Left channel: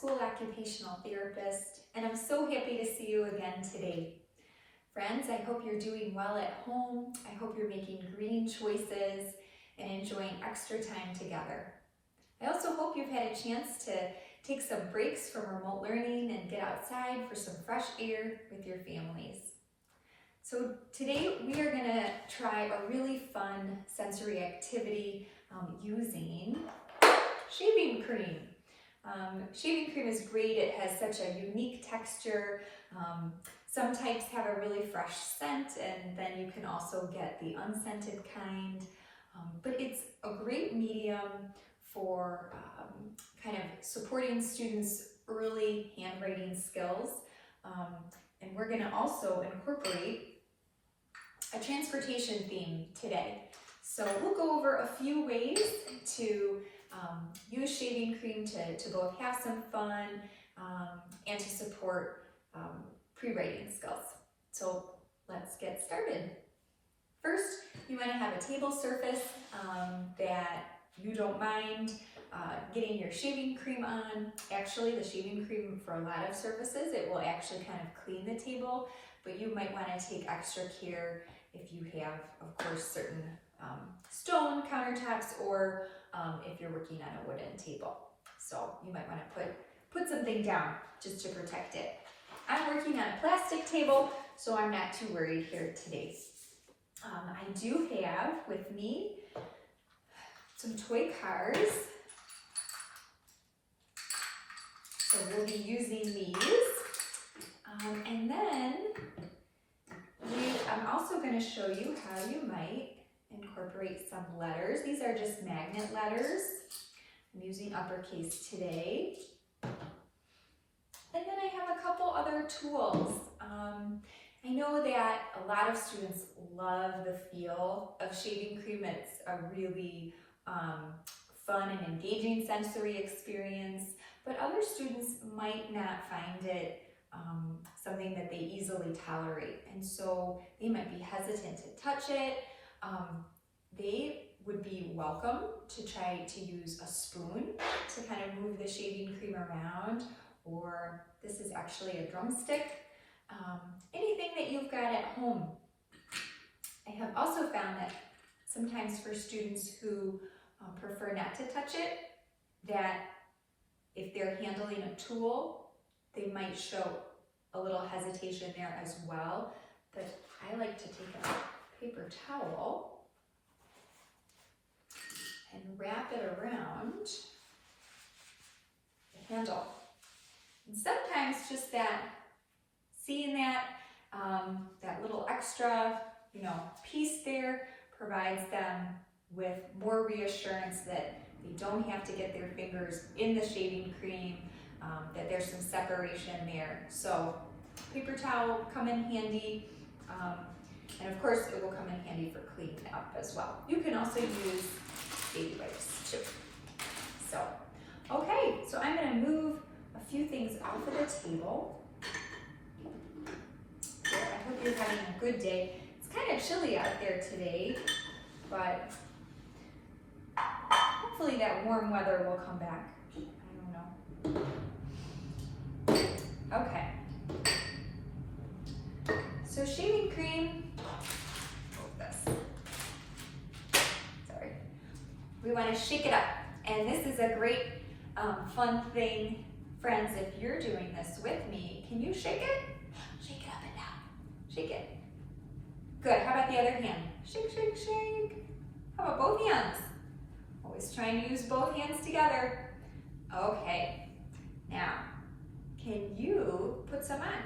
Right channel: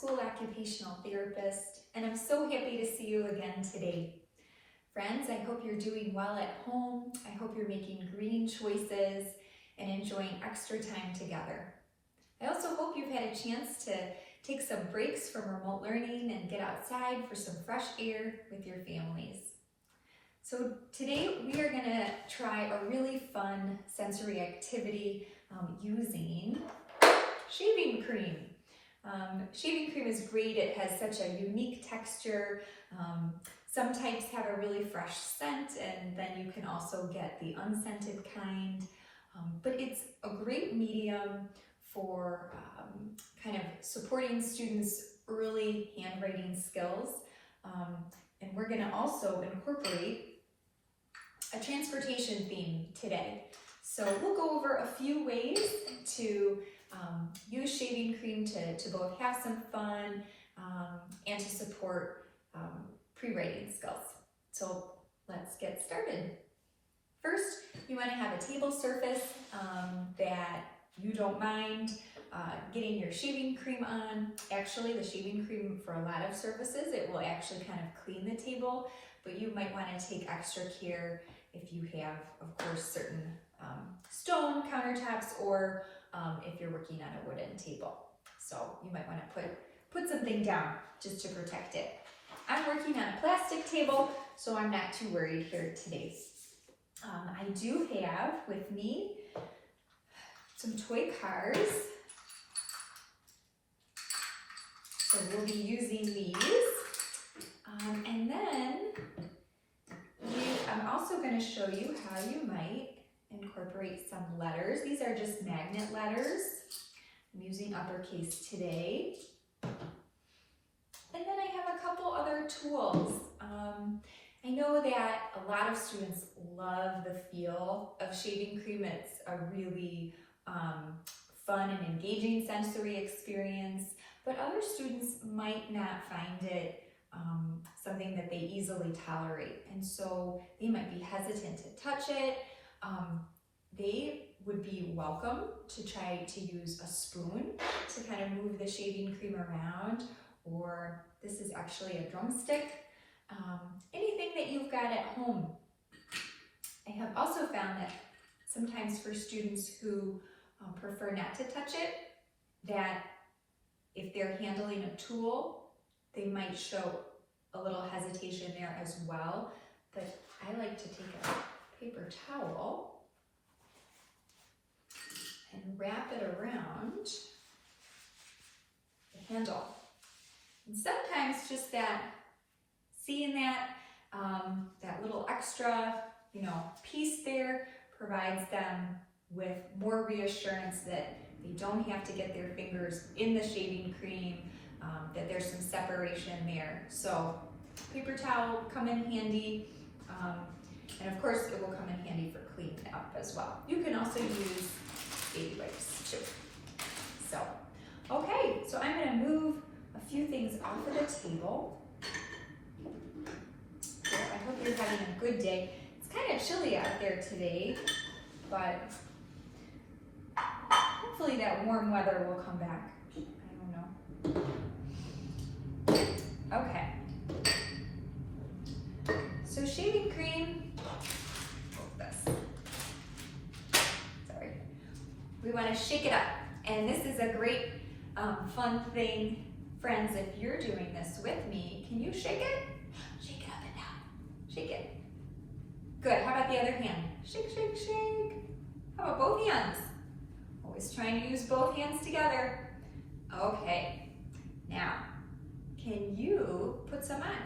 school occupational therapist, and I'm so happy to see you again today. Friends, I hope you're doing well at home. I hope you're making green choices and enjoying extra time together. I also hope you've had a chance to take some breaks from remote learning and get outside for some fresh air with your families. So today we are going to try a really fun sensory activity using shaving cream. Shaving cream is great. It has such a unique texture. Some types have a really fresh scent, and then you can also get the unscented kind. But it's a great medium for kind of supporting students' early handwriting skills. And we're going to also incorporate a transportation theme today. So we'll go over a few ways to use shaving cream to both have some fun and to support pre-writing skills. So let's get started. First, you want to have a table surface that you don't mind getting your shaving cream on. Actually, the shaving cream for a lot of surfaces, it will actually kind of clean the table, but you might want to take extra care if you have, of course, certain stone countertops or if you're working on a wooden table. So you might want to put something down just to protect it. I'm working on a plastic table, so I'm not too worried here today. I do have with me some toy cars. So we'll be using these. And then I'm also going to show you how you might incorporate some letters. These are just magnet letters. I'm using uppercase today. And then I have a couple other tools. I know that a lot of students love the feel of shaving cream. It's a really fun and engaging sensory experience, but other students might not find it something that they easily tolerate, and so they might be hesitant to touch it. They would be welcome to try to use a spoon to kind of move the shaving cream around, or this is actually a drumstick. Anything that you've got at home. I have also found that sometimes for students who prefer not to touch it, that if they're handling a tool, they might show a little hesitation there as well. But I like to take a paper towel and wrap it around the handle. And sometimes just seeing that little extra, piece there provides them with more reassurance that they don't have to get their fingers in the shaving cream, that there's some separation there. So paper towel will come in handy, and of course it will come in handy for cleaning up as well. You can also use baby wipes too. So, okay, so I'm going to move a few things off of the table. Here, I hope you're having a good day. It's kind of chilly out there today, but hopefully that warm weather will come back. I don't know. Okay. So shaving cream, sorry. We want to shake it up. And this is a great fun thing. Friends, if you're doing this with me, can you shake it? Shake it up and down. Shake it. Good. How about the other hand? Shake, shake, shake. How about both hands? Always trying to use both hands together. Okay. Now, can you put some on?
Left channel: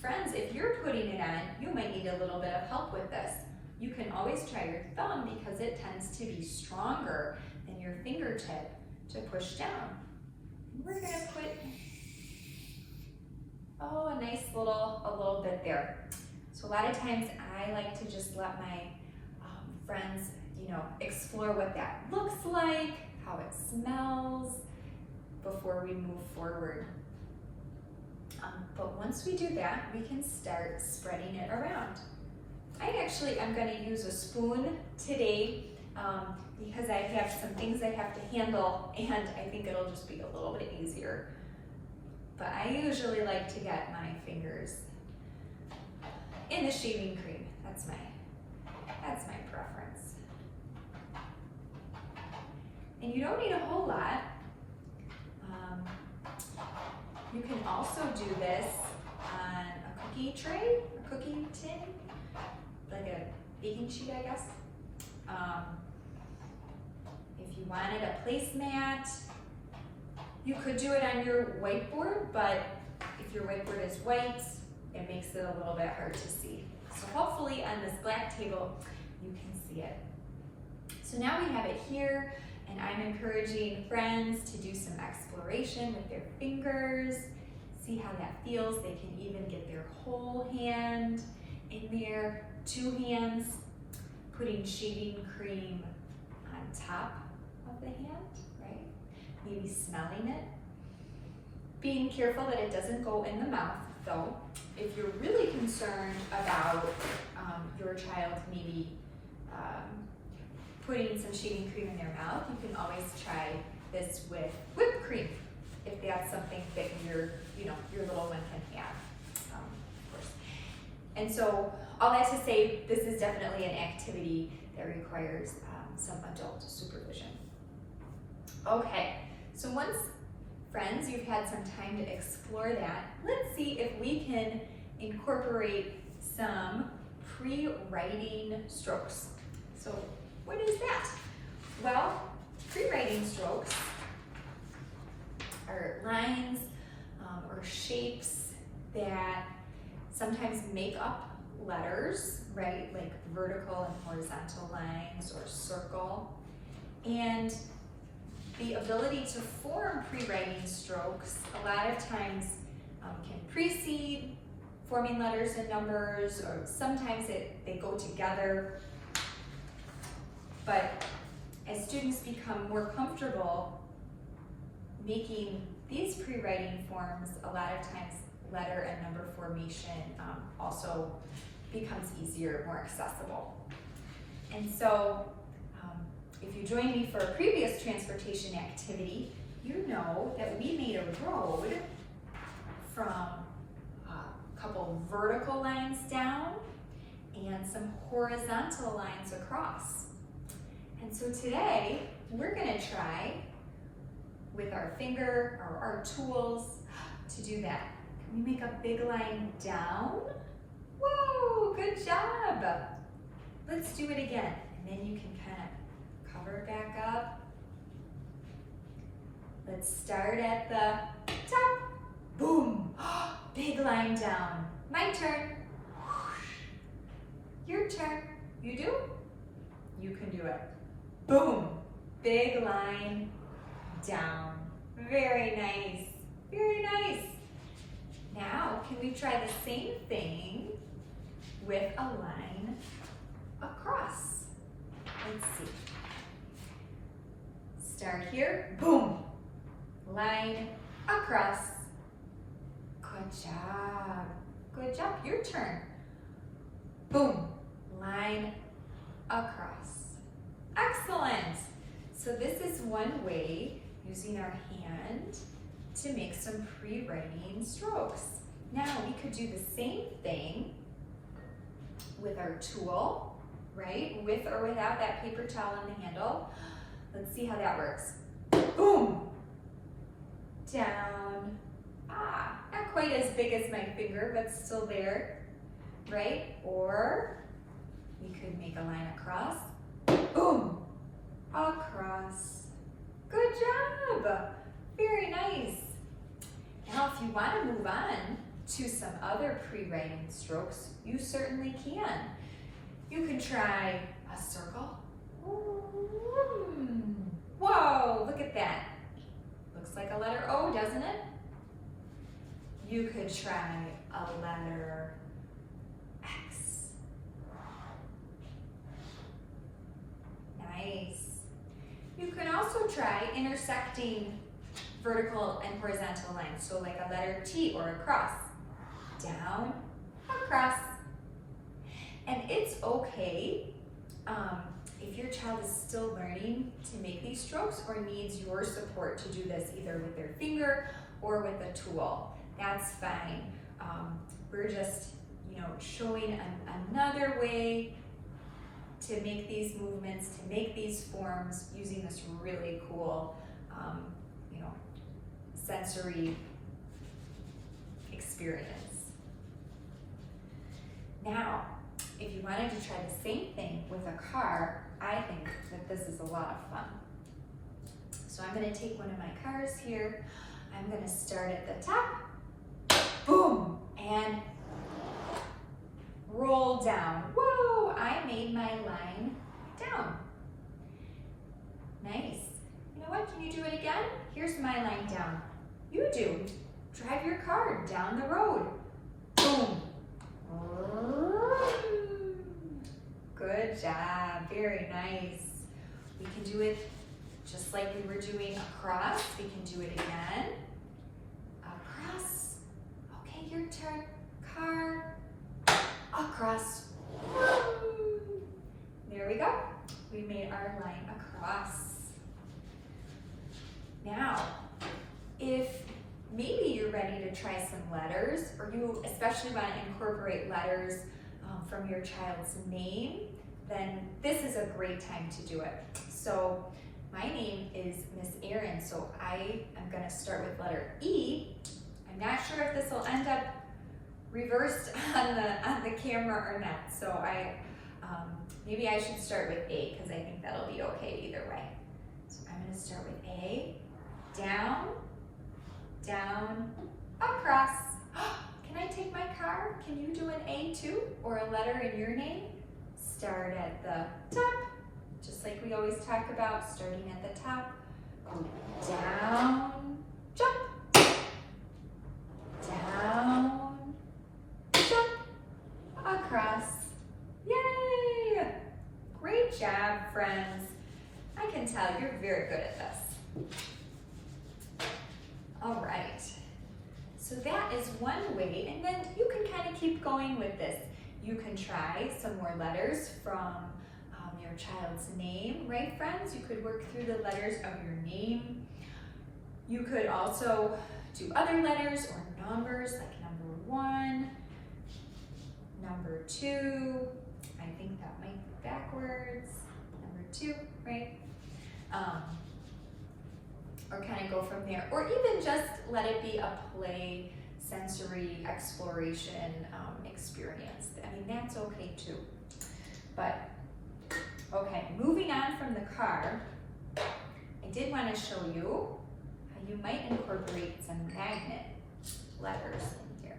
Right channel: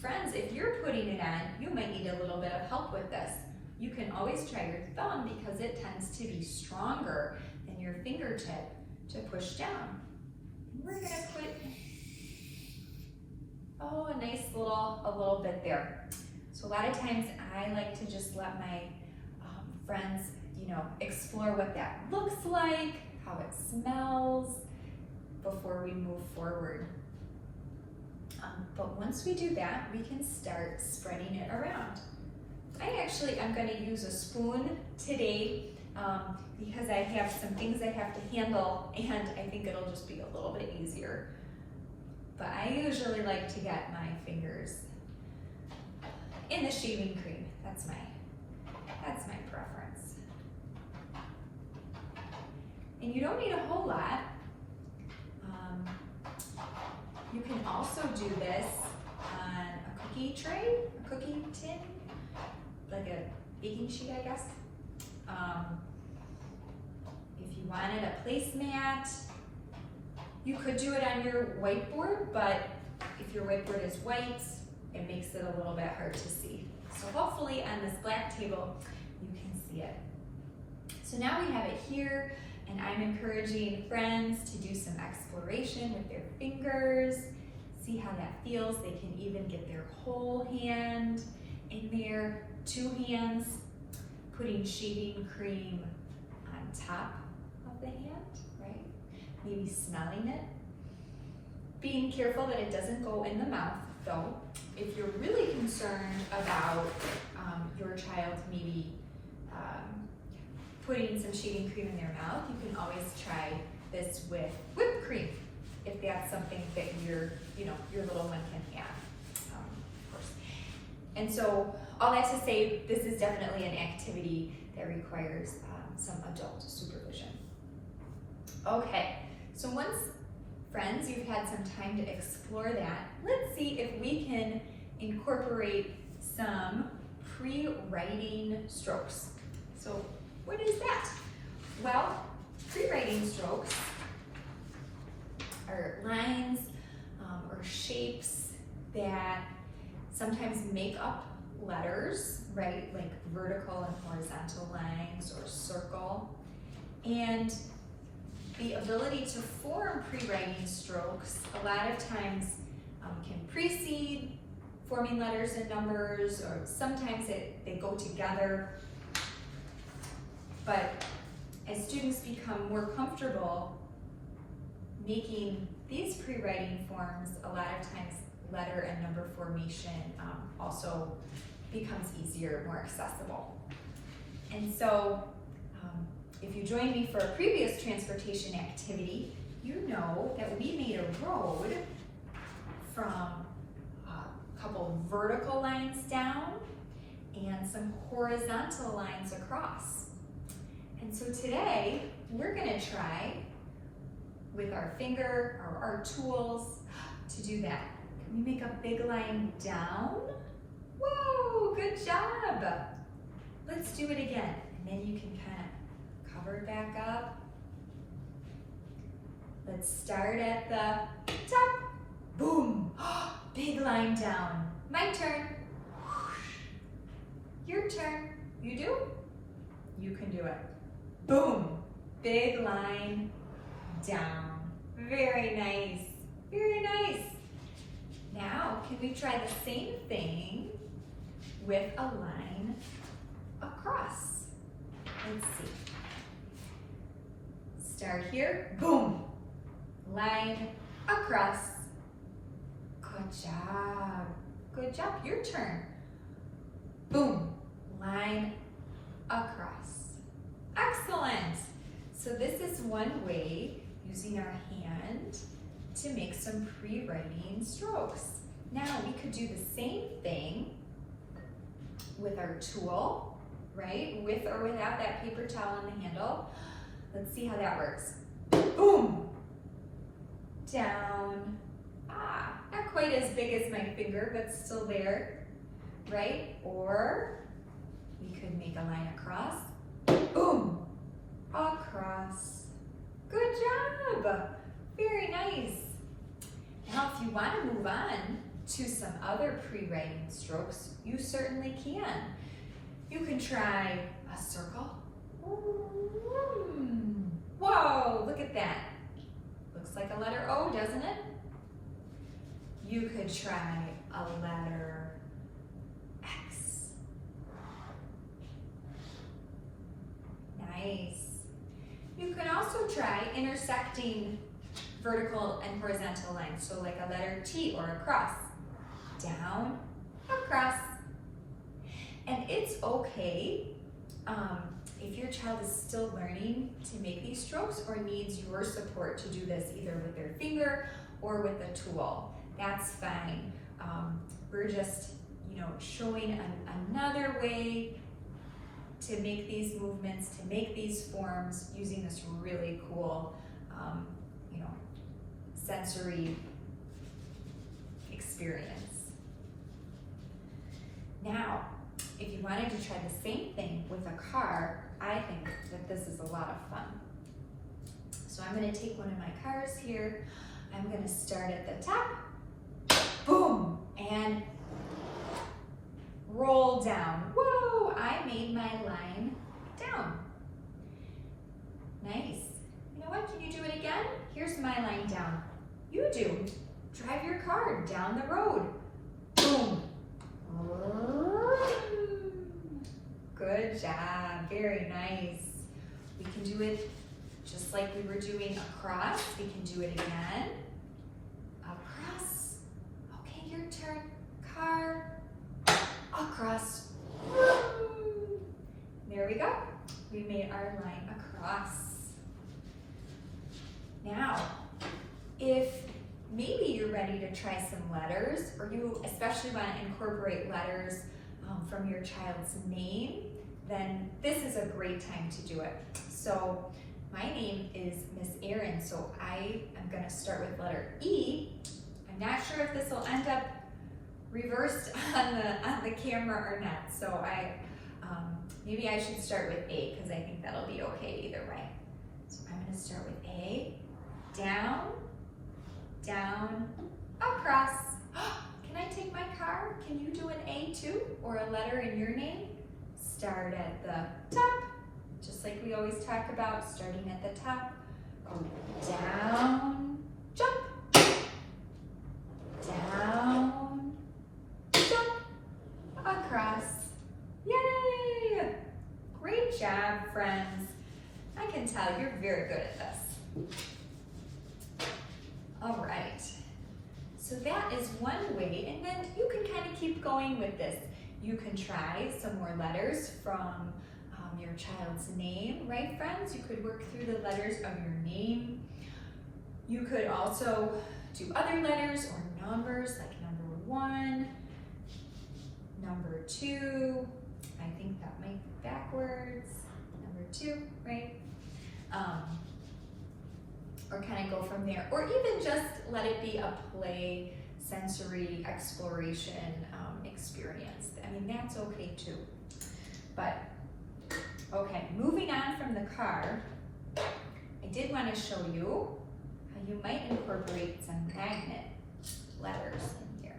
Friends, if you're putting it on, you might need a little bit of help with this. You can always try your thumb because it tends to be stronger than your fingertip to push down. And we're going to put, a nice little bit there. So a lot of times I like to just let my friends, explore what that looks like, how it smells before we move forward. But once we do that, we can start spreading it around. I'm going to use a spoon today because I have some things I have to handle, and I think it'll just be a little bit easier. but I usually like to get my fingers in the shaving cream. That's my preference. And you don't need a whole lot. You can also do this on a cookie tray, a cookie tin, like a baking sheet, I guess. If you wanted a placemat, you could do it on your whiteboard, but if your whiteboard is white, it makes it a little bit hard to see. So hopefully on this black table, you can see it. So now we have it here, and I'm encouraging friends to do some exploration with their fingers, see how that feels. They can even get their whole hand in there, 2 hands, putting shaving cream on top of the hand, right? Maybe smelling it. Being careful that it doesn't go in the mouth, though. If you're really concerned about your child maybe putting some shaving cream in their mouth, you can always try this with whipped cream, if that's something that your little one can have, of course. And so, all that to say, this is definitely an activity that requires some adult supervision. Okay, so once, friends, you've had some time to explore that, let's see if we can incorporate some pre-writing strokes. So what is that? Well, pre-writing strokes are lines or shapes that sometimes make up letters, right? Like vertical and horizontal lines or circle. And the ability to form pre-writing strokes a lot of times can precede forming letters and numbers, or sometimes they go together. But as students become more comfortable making these pre-writing forms, a lot of times letter and number formation also becomes easier, more accessible. And so if you joined me for a previous transportation activity, you know that we made a road from a couple vertical lines down and some horizontal lines across. And so today, we're gonna try with our finger or our tools to do that. Can we make a big line down? Whoa, good job. Let's do it again. And then you can kind of cover it back up. Let's start at the top. Boom, big line down. My turn. Your turn. You do? You can do it. Boom, big line down. Very nice, very nice. Now, can we try the same thing with a line across? Let's see. Start here, boom, line across. Good job, good job. Your turn. Boom, line across. Excellent. So this is one way, using our hand, to make some pre-writing strokes. Now we could do the same thing with our tool, right? With or without that paper towel on the handle. Let's see how that works. Boom, down. Not quite as big as my finger, but still there, right? Or we could make a line across. Boom, across. Good job, very nice. Now if you want to move on to some other pre-writing strokes, you certainly can. You can try a circle. Whoa, look at that. Looks like a letter O, doesn't it? You could try a letter X. Nice. You can also try intersecting vertical and horizontal lines, so like a letter T or a cross. Down, across. And it's okay if your child is still learning to make these strokes or needs your support to do this either with their finger or with a tool. that's fine. We're just, showing another way to make these movements, to make these forms using this really cool, sensory experience. Now, if you wanted to try the same thing with a car, I think that this is a lot of fun. So I'm going to take one of my cars here. I'm going to start at the top, boom, and roll down. Whoa, I made my line down. Nice. You know what, can you do it again? Here's my line down. You do. Drive your car down the road. Boom. Good job, very nice. We can do it just like we were doing across. We can do it again. Across. Okay, your turn. Car. Across. There we go. We made our line across. Now, if maybe you're ready to try some letters, or you especially want to incorporate letters from your child's name, then this is a great time to do it. So my name is Miss Erin, so I am going to start with letter E. I'm not sure if this will end up reversed on the camera or not, so maybe I should start with A, because I think that'll be okay either way. So I'm going to start with A, down, down, across. Can I take my car? Can you do an A too? Or a letter in your name? Start at the top, just like we always talk about, starting at the top. Go down, jump, down, jump, across. Yay! Great job, friends. I can tell you're very good at this. All right, so that is one way, and then you can kind of keep going with this. You can try some more letters from your child's name, right, friends? You could work through the letters of your name. You could also do other letters or numbers, like number 1, number 2. I think that might be backwards. Number 2, right? Or kind of go from there, or even just let it be a play, sensory exploration experience. I mean, that's okay too. But, okay, moving on from the car, I did want to show you how you might incorporate some magnet letters in here.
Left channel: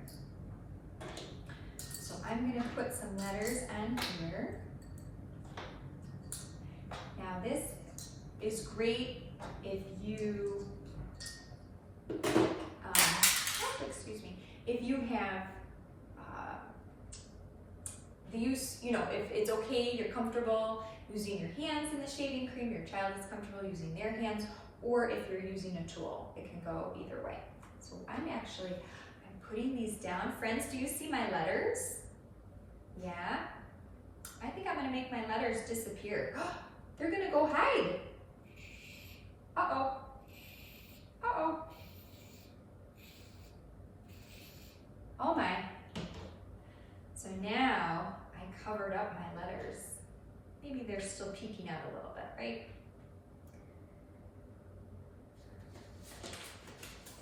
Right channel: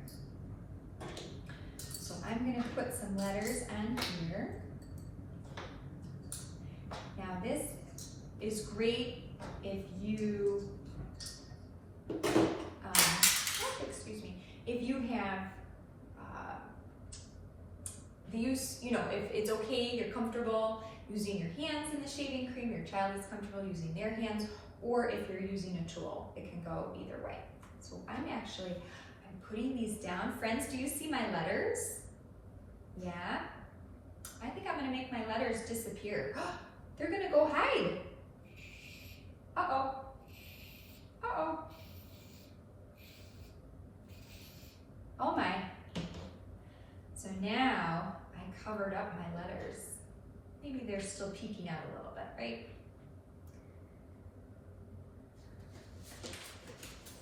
So I'm going to put some letters on here. Now this is great if you, if you have the use, if it's okay, you're comfortable using your hands in the shaving cream, your child is comfortable using their hands, or if you're using a tool, it can go either way. So I'm putting these down. Friends, do you see my letters? Yeah? I think I'm gonna make my letters disappear. They're gonna go hide. Uh-oh. Uh-oh. Oh my. So now I covered up my letters. Maybe they're still peeking out a little bit, right?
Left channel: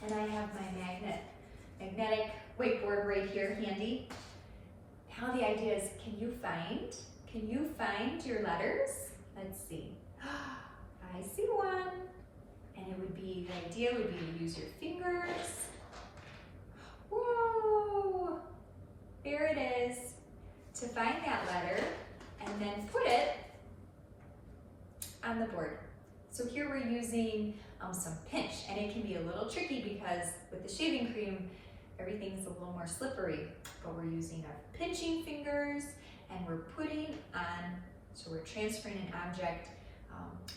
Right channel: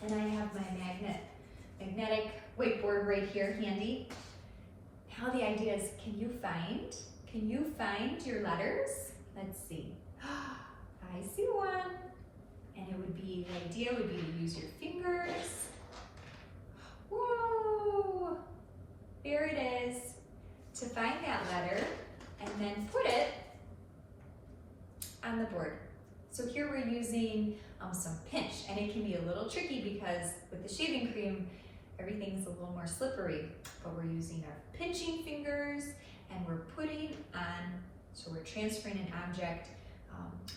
And I have my magnetic whiteboard right here handy. Now the idea is, can you find your letters? Let's see. I see one. And the idea would be to use your fingers. Whoa! There it is. To find that letter and then put it on the board. So here we're using some pinch, and it can be a little tricky because with the shaving cream, everything's a little more slippery, but we're using our pinching fingers and we're putting on, so we're transferring an object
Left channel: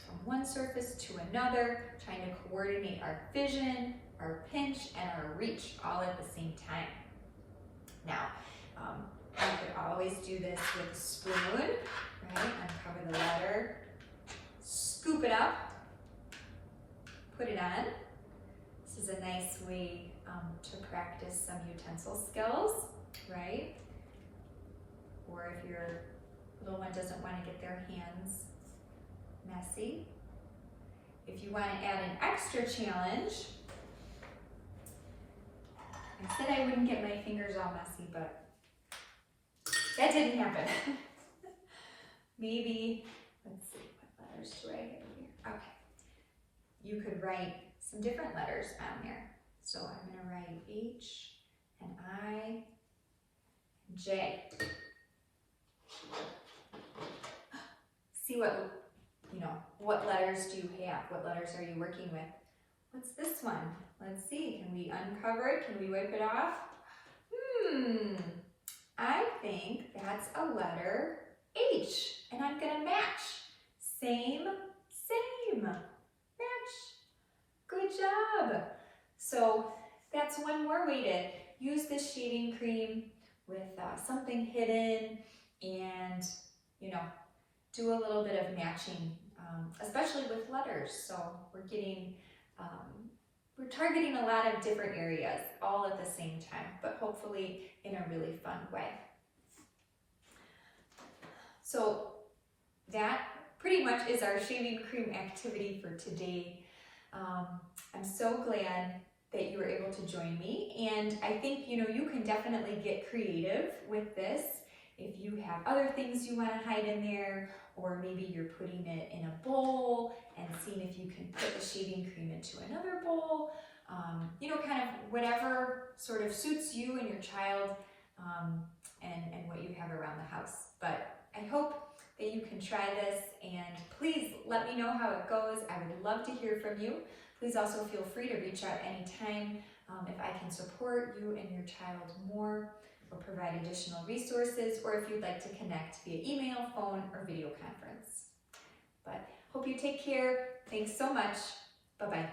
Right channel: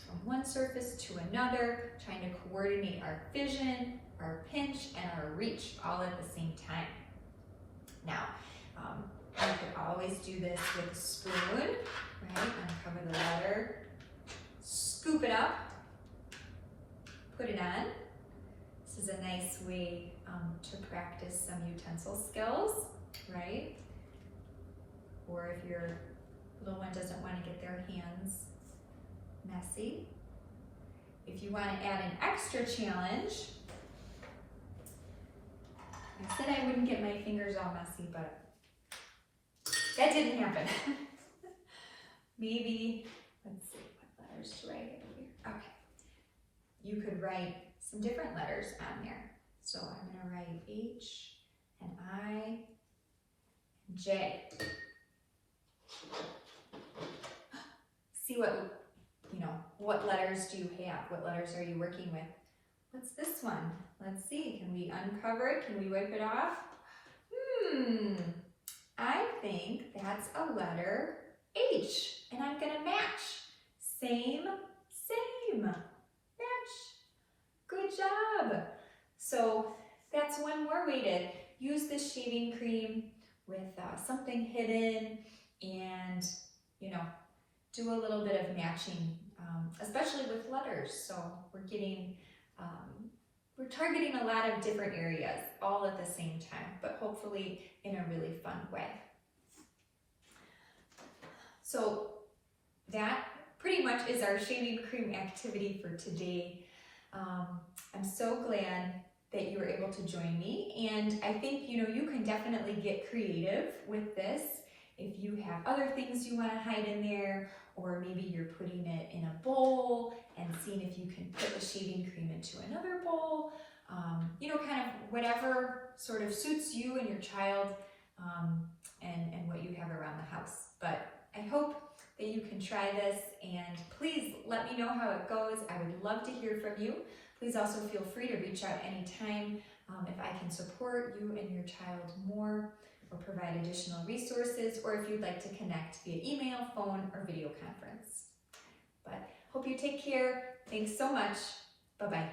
from one surface to another, trying to coordinate our vision, our pinch, and our reach all at the same time. Now, you could always do this with a spoon, right? Uncover the letter, scoop it up, put it on. This This is a nice way to practice some utensil skills, right? Or if your little one doesn't want to get their hands messy. If you want to add an extra challenge, I said I wouldn't get my fingers all messy, but that didn't happen. Maybe, let's see, what letters do I have here? Okay. You could write some different letters on there. So I'm going to write H and I and J. See what letters do you have? What letters are you working with? What's this one? Let's see. Can we uncover it? Can we wipe it off? I think that's a letter H, and I'm going to match. Same. Match. Good job. So that's one more way to use this shaving cream with something hidden and, do a little bit of matching, especially with letters. So we're targeting a lot of different areas all at the same time, but hopefully in a really fun way. So that pretty much is our shaving cream activity for today. I'm so glad that you were able to join me, and I think you can definitely get creative with this. If you have other things you want to hide in there, or maybe you're putting it in a bowl and seeing if you can put the shaving cream into another bowl, kind of whatever sort of suits you and your child, and what you have around the house. But I hope that you can try this, and please let me know how it goes. I would love to hear from you. Please also feel free to reach out anytime if I can support you and your child more, or provide additional resources, or if you'd like to connect via email, phone, or video conference. But hope you take care. Thanks so much. Bye-bye.